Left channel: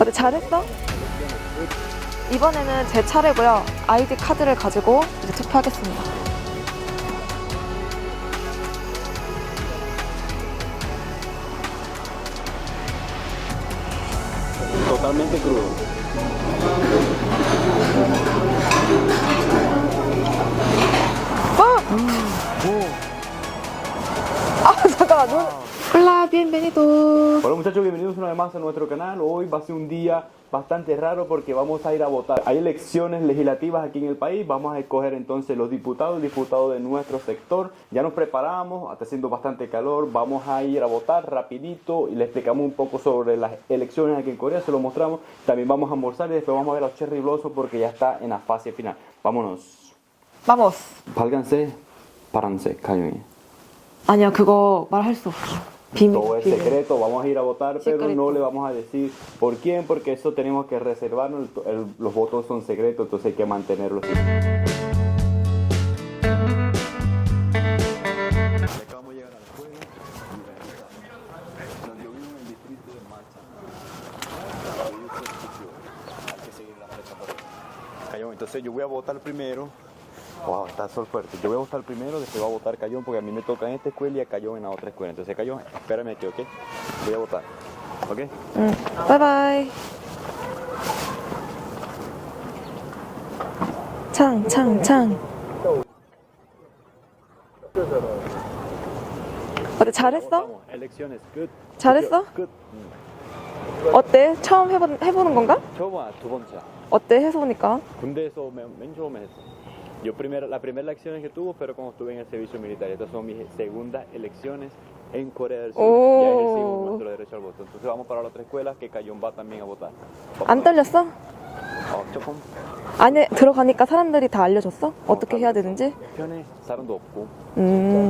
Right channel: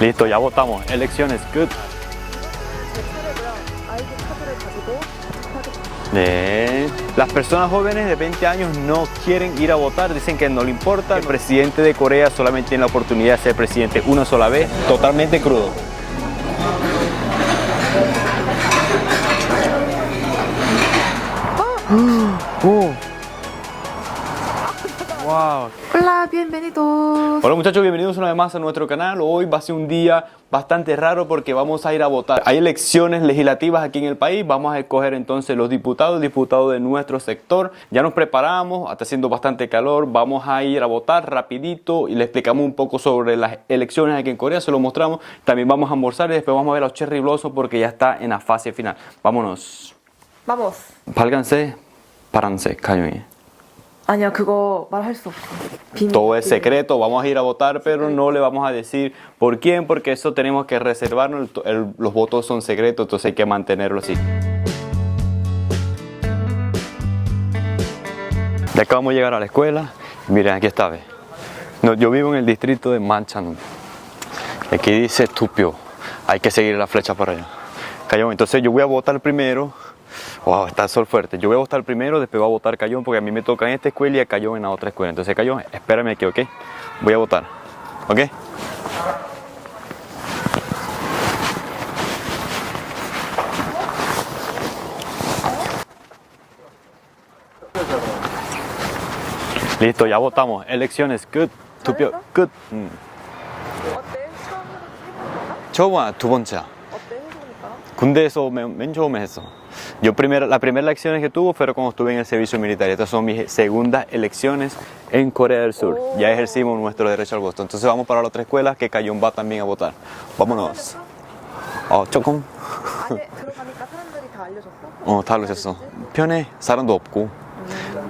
Listo, ya votamos. Elecciones, good. 이번에는 제 차례고요. 아이디 카드를 가지고 이제 투표하겠습니다. 네. Las personas jóvenes de 20 años no quieren ir a votar, dicen que no le importa. El presidente de Corea solamente tiene la oportunidad de ser presidente una sola vez, totalmente crudo. 잠깐만. Wow. Hola, bienvenido. Hola muchachos, bienvenidos una vez más a nuestro canal. Hoy va a ser un día bastante raro porque vamos a ir a votar. Hay elecciones legislativas aquí en el país, vamos a escoger entonces los diputados de nuestro sector. Ya nos preparamos, está haciendo bastante calor, vamos a ir a votar rapidito y le explicamos un poco sobre las elecciones aquí en Corea, se lo mostramos. También vamos a almorzar y después vamos a ver a los Cherry Blossom porque ya está en la fase final. Vámonos. Vamos. 빨간색, 파란색, 가요이. 아니야, 그거 말할 수 없어. 비밀. Todo es secreto, vamos a ir a votar, pero Secreto. no le vamos a decir por quién, porque eso tenemos que reservarnos, los votos son secretos, entonces hay que mantenerlo así. Ya acabamos de llegar a la escuela, miren, aquí está, ¿ve? No, yo vivo en el distrito de Manchan, aquí dice Tupio, hay que seguir la flecha para allá. Cayón, entonces yo voy a votar primero. Wow, está el sol fuerte. Yo voy a votar primero, después voy a votar Cayón, porque a mí me toca en esta escuela y a Cayón en la otra escuela. Entonces, Cayón, espérame aquí, ¿ok? Voy a votar, ¿ok? Bye bye. 창. Listo, ya ¿잘했어? votamos. Elecciones, good. 잘했어? Good. 어때? 처음 해보는 건가? 처음은 두 번째야. 어때? 해보니까. 군대에서 맨 처음에 했어. Yo la primera elecciones que tuve fue cuando estuve en el servicio militar. Estas son mis segundas elecciones en Corea del Sur. Oh. Ya ejercimos nuestro derecho al voto. Entonces vamos para la otra escuela que Cayón va también a votar. 안 Vámonos. 떨렸어? 조금. 안에 들어가니까 사람들이 다 알려줬어? 어떻게 다 해야 알려줬어. 되는지? 편해. 사람도 없고.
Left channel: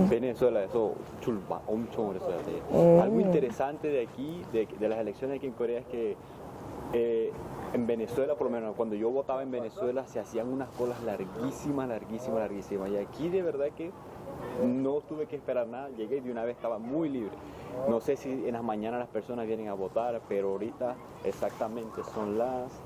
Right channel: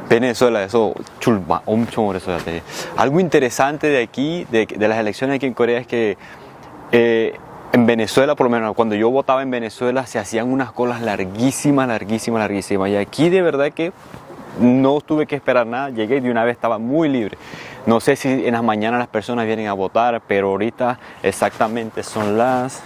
Venezuela에서 줄 엄청 오래 서야 돼. Algo interesante de aquí, de las elecciones aquí en Corea es que en Venezuela, por lo menos cuando yo votaba en Venezuela, se hacían unas colas larguísimas. Y aquí de verdad que no tuve que esperar nada, llegué y de una vez estaba muy libre. No sé si en las mañanas las personas vienen a votar, pero ahorita exactamente son las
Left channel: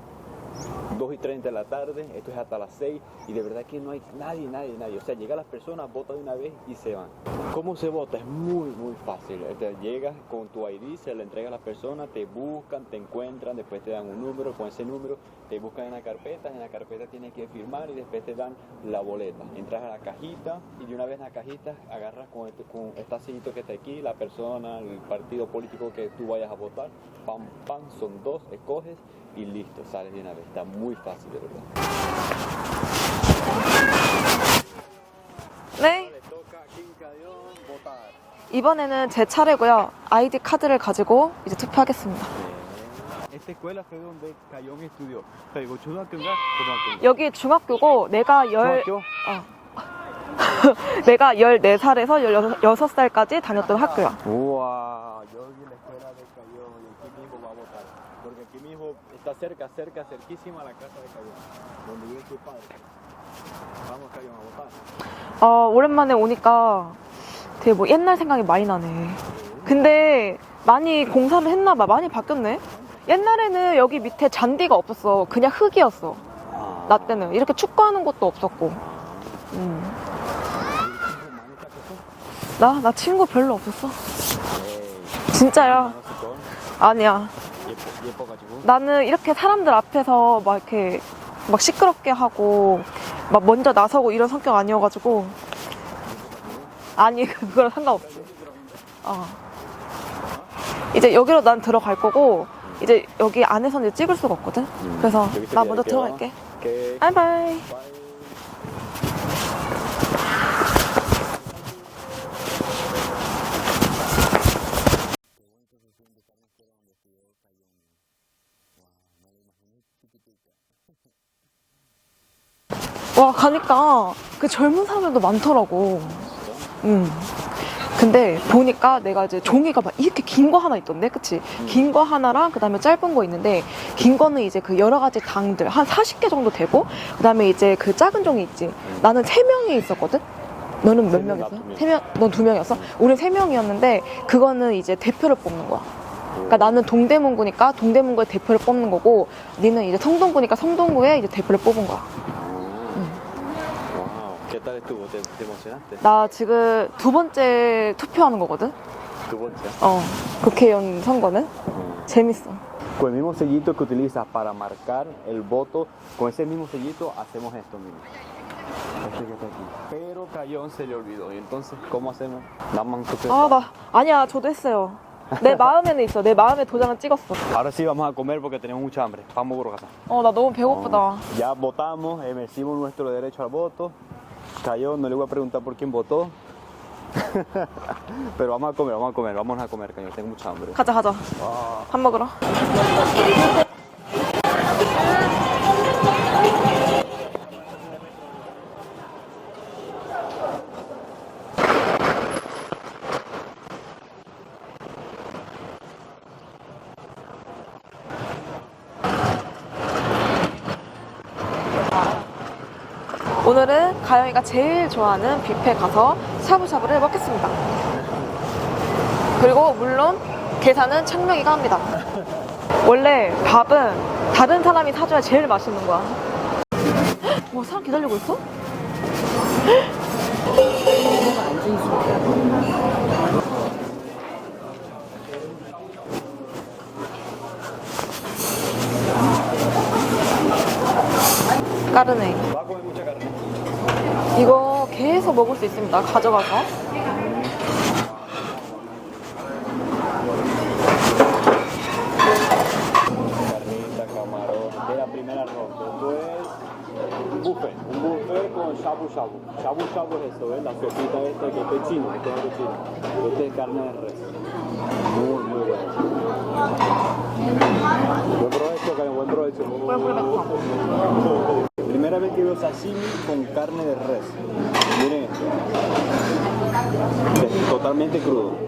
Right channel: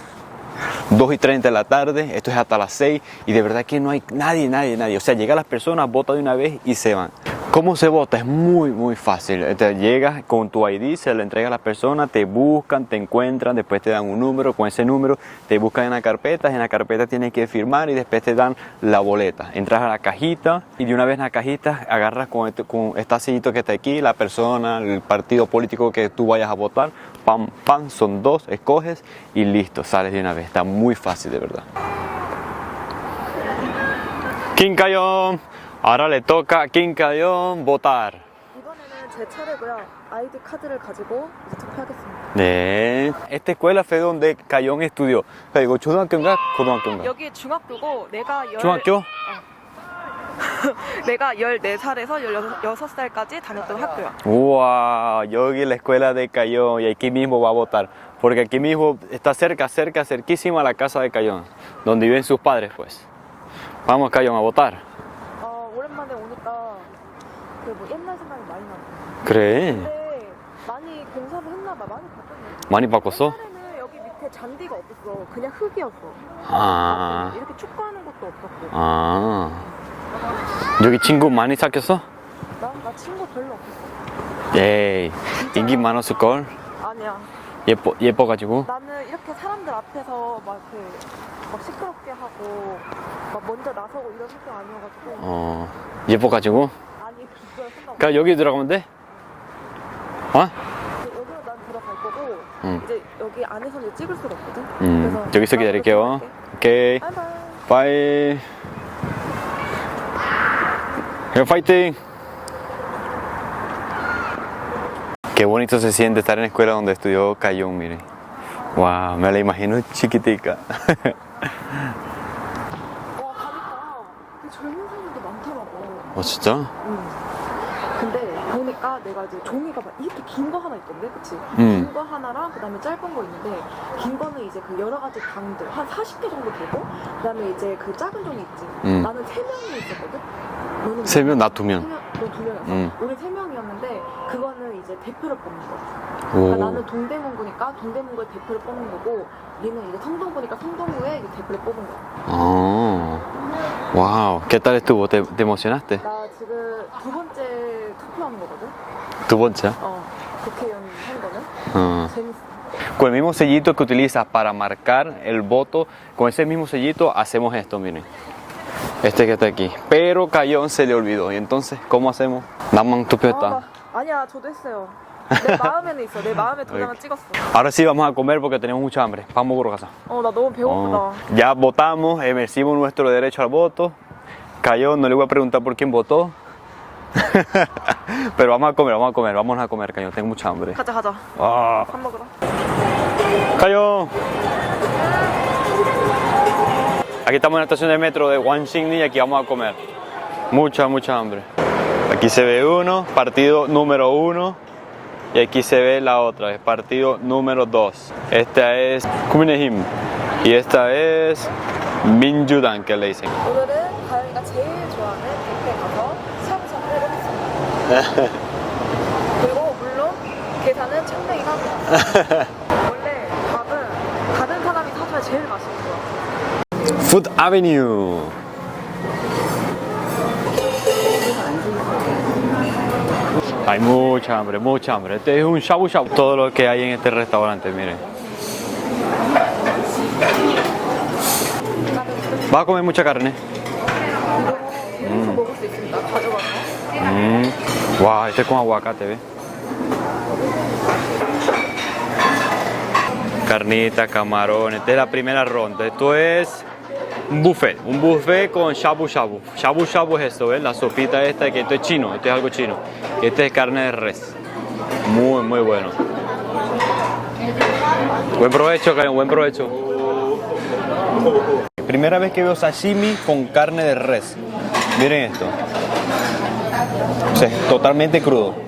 2:30 de la tarde, esto es hasta las 6 y de verdad que no hay nadie. O sea, llegan las personas, votan de una vez y se van. ¿Cómo se vota? Es muy fácil. Llegas con tu ID, se lo entrega a la persona, te buscan, te encuentran, después te dan un número, con ese número te buscan en la carpeta tienes que firmar y después te dan la boleta. Entras a la cajita y de una vez en la cajita agarras con este sellito que está aquí, la persona, el partido político que tú vayas a votar, pam, son dos, escoges y listo, sales de una vez. Está muy fácil de verdad. Kim Kayon, 네. ahora le toca a Kim Kayon votar. 이번에는 제 차례고요. 아이디 카드를 가지고 이제 투표하겠습니다. 네. Esta escuela fue donde Kayon estudió. 이거 초등학교인가 고등학교인가? 여기 중학교고 내가 중학교? 내가 14살에서 16살까지 다녔던 학교야. Wow, 여기 la escuela de Kayon y aquí mismo va a votar. Porque aquí mismo está cerquísima la casa de Kayon, donde viven sus padres, pues. Vamos, Kayon, a votar. 오랜만에 오니까 되게 뭐 옛날 생각이 많이 나네. 그래? 근데 많이 공사를 했나 봐. 많이 바뀌었네. 많이 바꿨어? 옛날에는 여기 밑에 잔디가 없었어. 그냥 흙이었어. 나 때는. 이렇게 축구하는 것도 없었고. 여기 친구 많이 사귀었어? 나 친구 별로 없었어. 에이, 진짜요? 인기 많았을걸? 아니야. 예뻐가지고? 나는 이렇게 사람들 앞에서 막 이렇게 막 시끄럽게 하고 막 먼저 나서고 이런 성격 아니어가지고. 예뻐가지고? 아니, 그거랑 상관없어. 그냥 여기 들어가면 돼? 이제 여기로 난 들어갈 거고 이제 여기 안에서는 이제 찍을 수가 없거든. 그래서 저기서 나 먼저 기다릴게요. 들어갈게. 오케이. 바이바이. Bye. Fighting. Qué bonito se siente estar en la escuela donde estudió Kayon, miren. Wow, me la imagino chiquitica. 와, 가니까 그 젊은 사람들도 많더라고. 진짜? 근데 보니까 내가 이제 종이가 막 이렇게 긴 거 하나 있던데, 그치? 긴 거 하나랑 그 다음에 짧은 거 있는데, 긴 거는 이제 그 여러 가지 당들, 한 40개 정도 되고, 그 다음에 이제 그 작은 종이 있지. 나는 3명이 있었거든? 너는 몇 3명? 나 명이었어? 2명. 넌 2명이었어? 우린 3명이었는데, 그거는 이제 대표를 뽑는 거야. 그러니까 오. 나는 동대문구니까 동대문구의 대표를 뽑는 거고, 니는 이제 성동구니까 성동구의 이제 대표를 뽑은 거야. Oh. Wow. ¿Qué tal estuvo? ¿Te emocionaste? 나 지금 2번째 투표하는 거거든. Tu bolsa. 국회의원 선거는. 재밌어. Con el mismo sellito que utilizas para marcar el voto, con ese mismo sellito hacemos esto, miren. Este que está aquí. Pero Cayón se le olvidó. ¿Y entonces cómo hacemos? Damos tu peta. 아니야, 저도 했어요. 내 마음에는 있어. 내 마음에 도장을 찍었어. Ahora sí vamos a comer porque tenemos mucha hambre. Vamos por casa. 나 너무 배고프다. Ya votamos, ejercimos nuestro derecho al voto. Cayón, no le voy a preguntar por quién votó. Pero vamos a comer, vámonos a comer, Cayón, tengo mucha hambre. 가자. 밥 먹으러. Cayón. Aquí estamos en la estación de metro de Wanxingni y aquí vamos a comer. Mucha hambre. Aquí se ve uno, partido número 1. Y aquí se ve la otra, es partido número 2. Esta es Kuminehim y esta es Minjudan, que le dicen. 오늘은 가영이가 제일 좋아하는 뷔페 가서 샤브샤브를 먹겠습니다. 그리고 물론 계산은 창명이가 합니다. 원래 밥은 다른 사람이 사줘야 제일 맛있는 거야. Food Avenue. Hay mucha hambre. Este es un shabu shabu. Todo lo que hay en este restaurante, miren. 까르네. ¿Vas a comer mucha carne? 이거 계속 먹을 수 있습니다. 가져가서. Wow, este es con aguacate, ¿ves? Carnita, camarones. Esta es la primera ronda. Esto es un buffet con shabu shabu. Shabu shabu es esto, ¿ves? La sopita esta, que esto es chino, esto es algo chino. Y este es carne de res. Muy bueno. Buen provecho, Karen, buen provecho. Primera vez que veo sashimi con carne de res. Miren esto. O sea, totalmente crudo.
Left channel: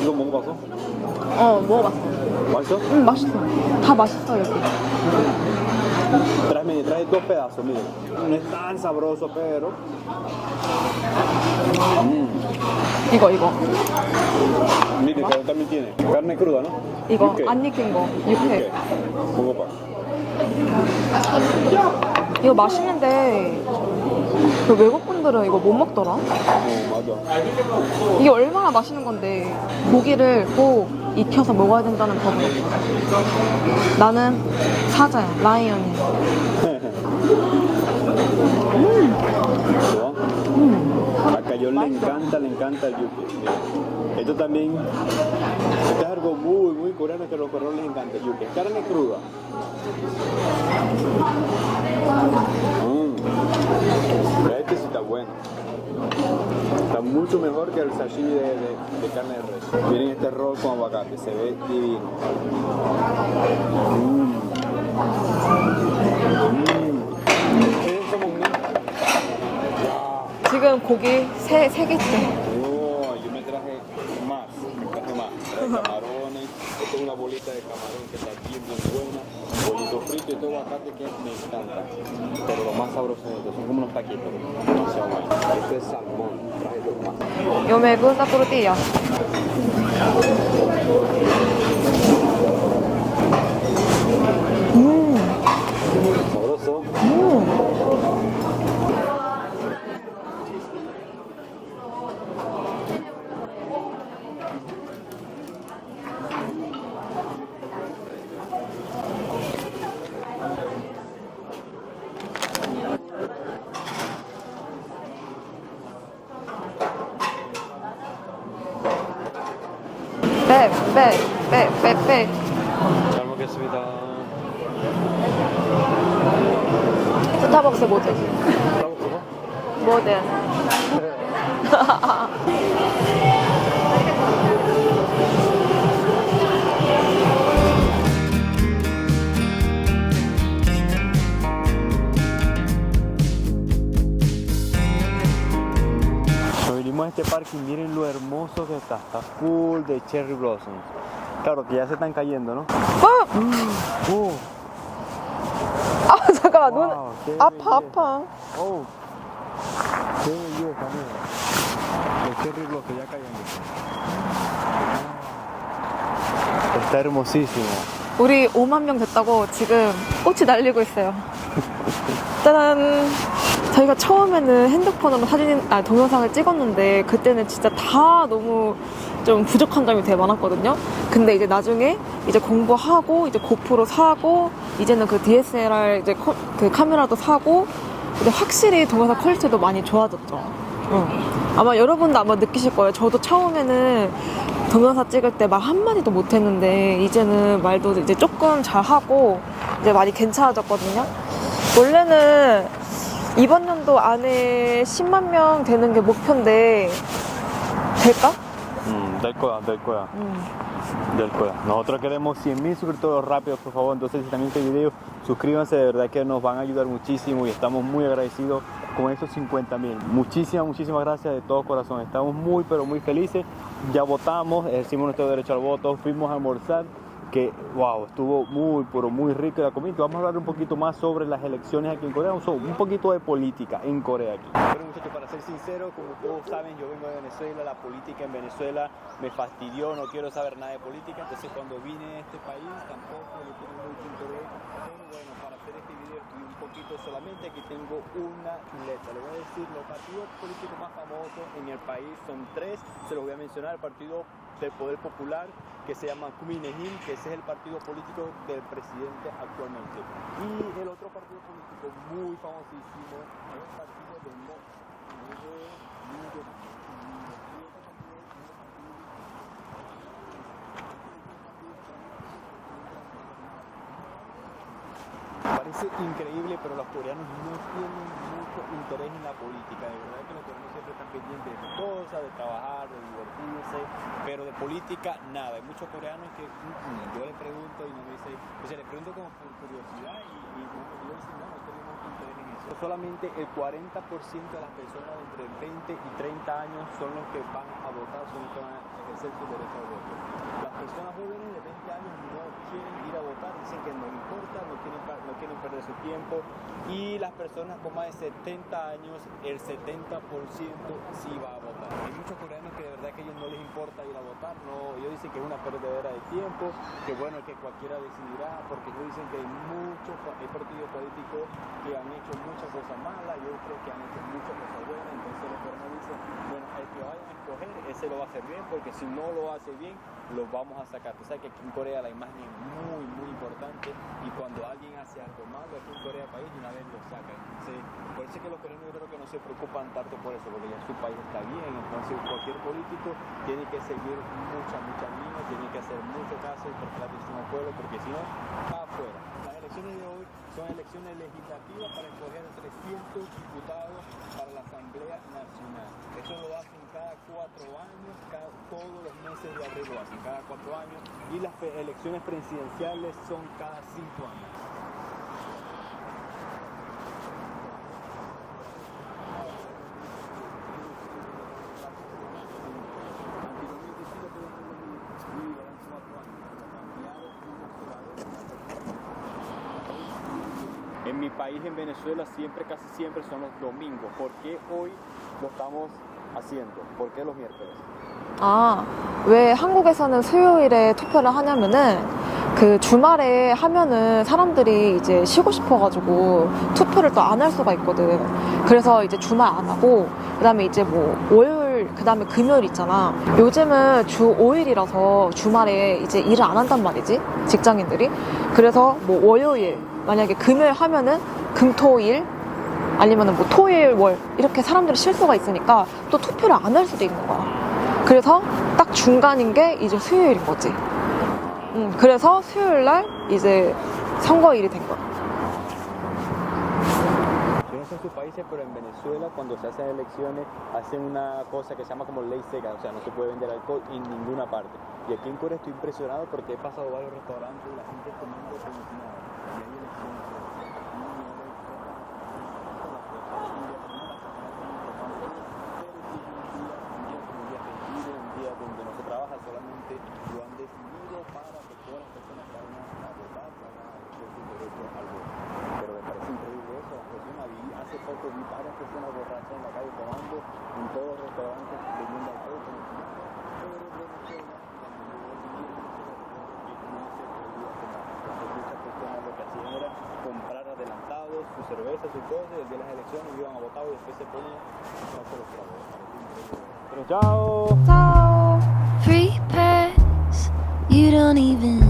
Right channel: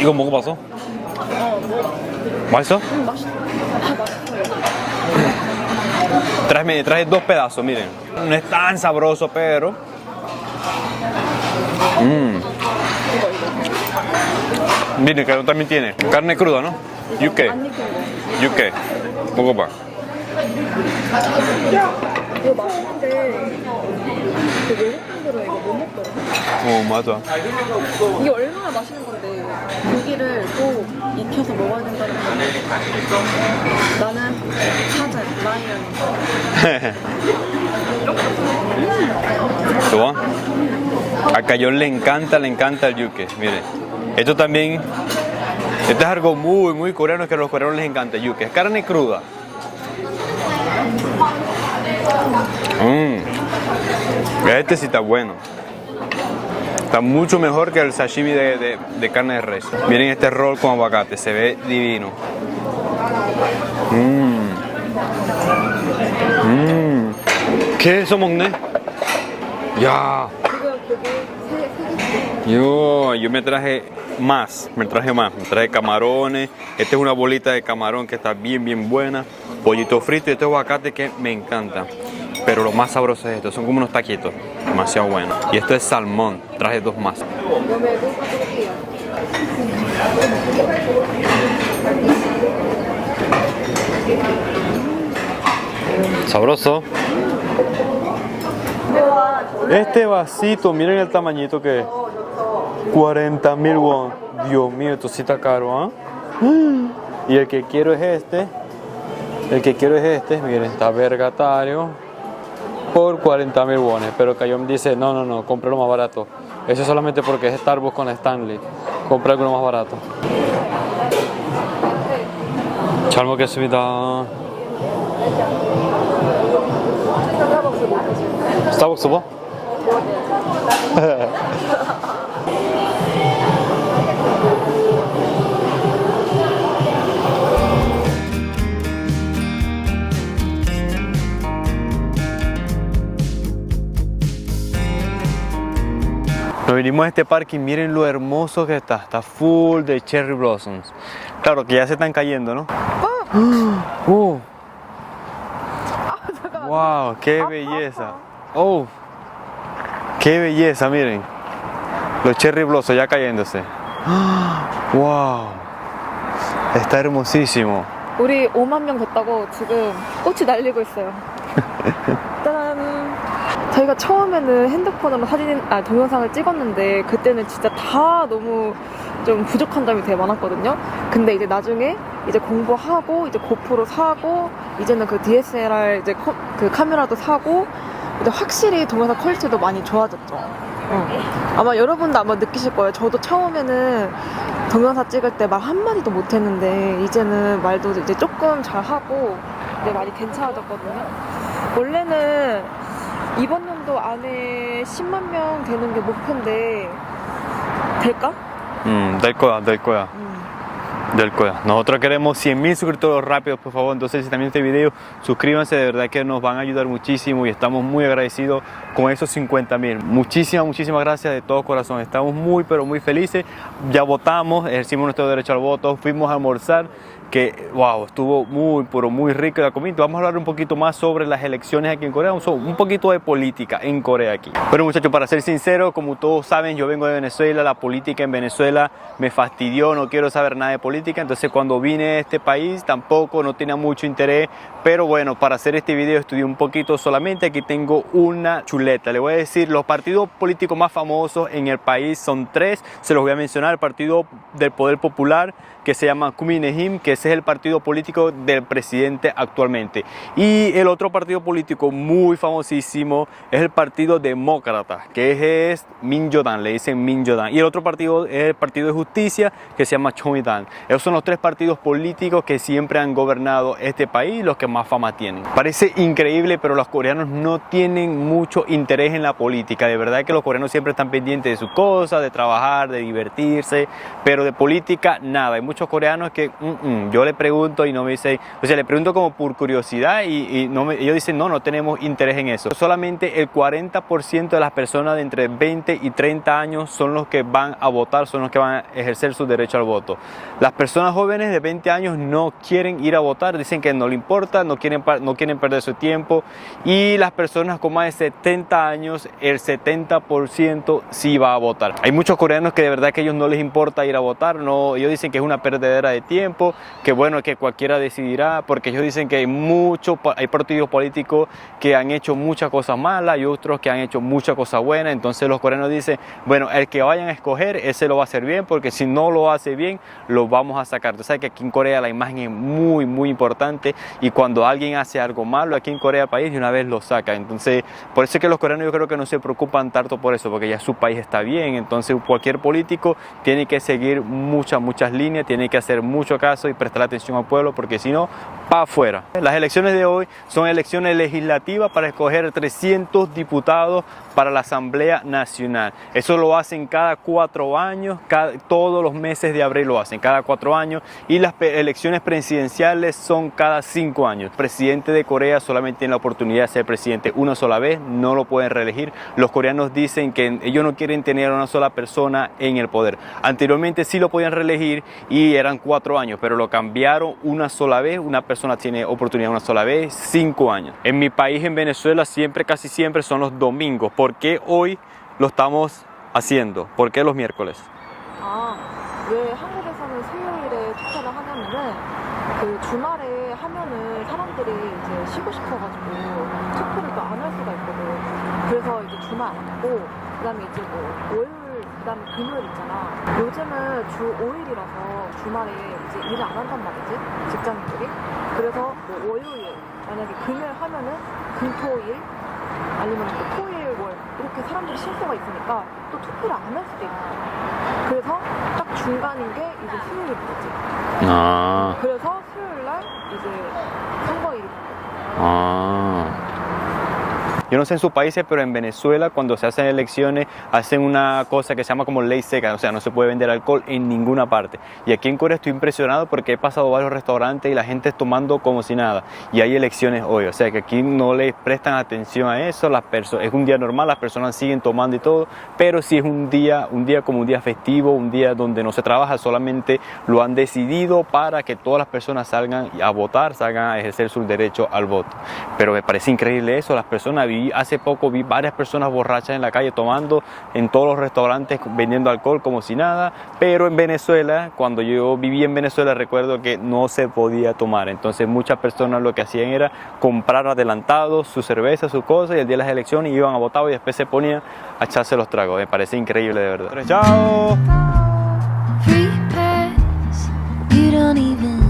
이거 먹어봤어? 먹어봤어. 맛있어? 맛있어. 다 맛있어, 여기. Traje 2 pedazos, miren. No es tan sabroso, pero... 이거. Miren, que también tiene carne cruda, ¿no? 이거 Yuke. 안 익힌 거. Yuke. 먹어봐. 이거 맛있는데 그 외국 분들은 이거 못 먹더라. 맞아. 이게 얼마나 맛있는 건데 고기를 꼭 익혀서 먹어야 된다는 법은. 나는 사자야, 라이언이야. ¿Tú? A Cayón le encanta el yuke. Miren, esto también, esto es algo muy coreano, que a los coreanos les encanta el yuke. Es carne cruda. Este sí está bueno. Está mucho mejor que el sashimi de carne de res. Miren este roll con aguacate, se ve divino. ¿Qué es eso, 먹네? Ya. 지금 고기 세 개째. Yo me traje más. Me traje camarones. Esta es una bolita de camarón que está bien buena. Pollito frito y este aguacate que me encanta. Pero lo más sabroso es esto. Son como unos taquitos. Demasiado bueno. Y esto es salmón. Traje 2 más. Yo me gusta tortilla. Sabroso. Este vasito, miren el tamañito que es. 40.000 won. Dios mío, esto sí está caro, ¿ah? Y el que quiero es este. Miren, está vergatario. Por 40.000 wones. Pero Cayón dice, no, compré lo más barato. Eso solamente porque es Starbucks con Stanley. Compré algo más barato. 빼. 잘 먹겠습니다. 스타벅스 못하지. 스타벅스 뭐? 뭐든. Nos vinimos a este parque y miren lo hermoso que está. Está full de cherry blossoms. Claro que ya se están cayendo, ¿no? Wow, qué 아파, belleza. 아파. Oh, qué belleza, miren. Los cherry blossom ya cayéndose. Wow, está hermosísimo. 우리 5만 명 됐다고 지금 꽃이 날리고 있어요. 짜잔. 저희가 처음에는 핸드폰으로 동영상을 찍었는데 그때는 진짜 다 너무 좀 부족한 점이 되게 많았거든요. 근데 이제 나중에 이제 공부하고 이제 고프로 사고 이제는 그 DSLR 이제 그 카메라도 사고 근데 확실히 동영상 퀄리티도 많이 좋아졌죠. 아마 여러분도 아마 느끼실 거예요. 저도 처음에는 동영상 찍을 때 말 한마디도 못했는데 이제는 말도 이제 조금 잘하고 이제 많이 괜찮아졌거든요. 원래는 이번 연도 안에 10만 명 되는 게 목표인데 될까? Del coda, del coda. Del coda. Nosotros queremos 100.000 suscriptores rápidos, por favor. Entonces, si también este video, suscríbanse, de verdad que nos van a ayudar muchísimo y estamos muy agradecidos con esos 50.000. Muchísimas gracias de todo corazón. Estamos muy, pero muy felices. Ya votamos, ejercimos nuestro derecho al voto, fuimos a almorzar. Que wow, estuvo muy, pero muy rico la comida. Vamos a hablar un poquito más sobre las elecciones aquí en Corea, un poquito de política en Corea aquí. Bueno, muchachos, para ser sincero, como todos saben, yo vengo de Venezuela, la política en Venezuela me fastidió, no quiero saber nada de política, entonces cuando vine a este país tampoco no tenía mucho interés, pero bueno, para hacer este video estudié un poquito solamente. Aquí tengo una chuleta, le voy a decir, los partidos políticos más famosos en el país son 3, se los voy a mencionar: el Partido del Poder Popular, que se llama Kuminehim, que ese es el partido político del presidente actualmente. Y el otro partido político muy famosísimo es el Partido Demócrata, que es Minjodan, le dicen Minjodan. Y el otro partido es el Partido de Justicia, que se llama Chomidan. Esos son los 3 partidos políticos que siempre han gobernado este país, los que más fama tienen. Parece increíble, pero los coreanos no tienen mucho interés en la política. De verdad que los coreanos siempre están pendientes de sus cosas, de trabajar, de divertirse, pero de política nada. Hay muchos coreanos que yo le pregunto y no me dicen, o sea, le pregunto como por curiosidad y ellos dicen no tenemos interés en eso. Solamente el 40% de las personas de entre 20 y 30 años son los que van a votar, son los que van a ejercer su derecho al voto. Las personas jóvenes de 20 años no quieren ir a votar, dicen que no le importa, no quieren perder su tiempo, y las personas con más de 70 años, el 70% sí va a votar. Hay muchos coreanos que de verdad que a ellos no les importa ir a votar, no, ellos dicen que es una perdedera de tiempo, que bueno, que cualquiera decidirá, porque ellos dicen que hay partidos políticos que han hecho muchas cosas malas y otros que han hecho muchas cosas buenas. Entonces los coreanos dicen, bueno, el que vayan a escoger, ese lo va a hacer bien, porque si no lo hace bien, lo vamos a sacar. Tú sabes que aquí en Corea la imagen es muy, muy importante, y cuando alguien hace algo malo aquí en Corea país, de una vez lo saca. Entonces, por eso es que los coreanos yo creo que no se preocupan tanto por eso, porque ya su país está bien. Entonces cualquier político tiene que seguir muchas líneas, tiene que hacer mucho caso y prestar atención al pueblo, porque si no, para afuera. Las elecciones de hoy son elecciones legislativas para escoger 300 diputados para la Asamblea Nacional. Eso lo hacen cada 4 años, todos los meses de abril lo hacen, cada 4 años, y las elecciones presidenciales son cada 5 años. El presidente de Corea solamente tiene la oportunidad de ser presidente una sola vez, no lo pueden reelegir. Los coreanos dicen que ellos no quieren tener a una sola persona en el poder. Anteriormente sí lo podían reelegir y eran 4 años, pero lo cambiaron una sola vez. Una persona tiene oportunidad una sola vez, 5 años. En mi país, en Venezuela, casi siempre son los domingos. ¿Por qué hoy lo estamos haciendo? ¿Por qué los miércoles? 왜 한국에서는 수요일에 투표를 하냐면은 그 주말에 하면은 사람들이 이제 쉬고 싶어가지고 투표를 또 안 할 수가 있거든. 그래서 이제 주말 안 하고 그다음에 이제 뭐 월요일 그다음에 금요일 있잖아. 요즘은 주 5일이라서 주말에 이제 일을 안 한단 말이지, 직장인들이. 그래서 뭐 월요일 만약에 금요일 하면은 금토일 아니면은 뭐 토요일 월 이렇게 사람들이 쉴 수가 있으니까 또 투표를 안 할 수도 있는 거야. 그래서 딱 중간인 게 이제 수요일인 거지. 그래서 수요일 날 이제 선거일이 된 거야. Yo no sé en sus países, pero en Venezuela cuando se hacen elecciones hacen una cosa que se llama como ley seca, o sea, no se puede vender alcohol en ninguna parte. Y aquí en Corea estoy impresionado porque he pasado varios restaurantes y la gente es tomando como si nada. Y hay elecciones hoy, o sea que aquí no les prestan atención a eso, es un día normal, las personas siguen tomando y todo, pero si es un día como un día festivo, un día donde no se trabaja, solamente lo han decidido para que todas las personas salgan a votar, salgan a ejercer su derecho al voto. Pero me parece increíble eso, las personas, hace poco vi varias personas borrachas en la calle tomando en todos los restaurantes, vendiendo alcohol como si nada, pero en Venezuela, cuando yo viví en Venezuela, recuerdo que no se podía tomar, entonces muchas personas lo que hacían era comprar adelantado su cerveza, su cosa, y el día de las elecciones iban a votar y después se ponían a echarse los tragos. Me parece increíble, de verdad. ¡Chao! Free pass, you don't even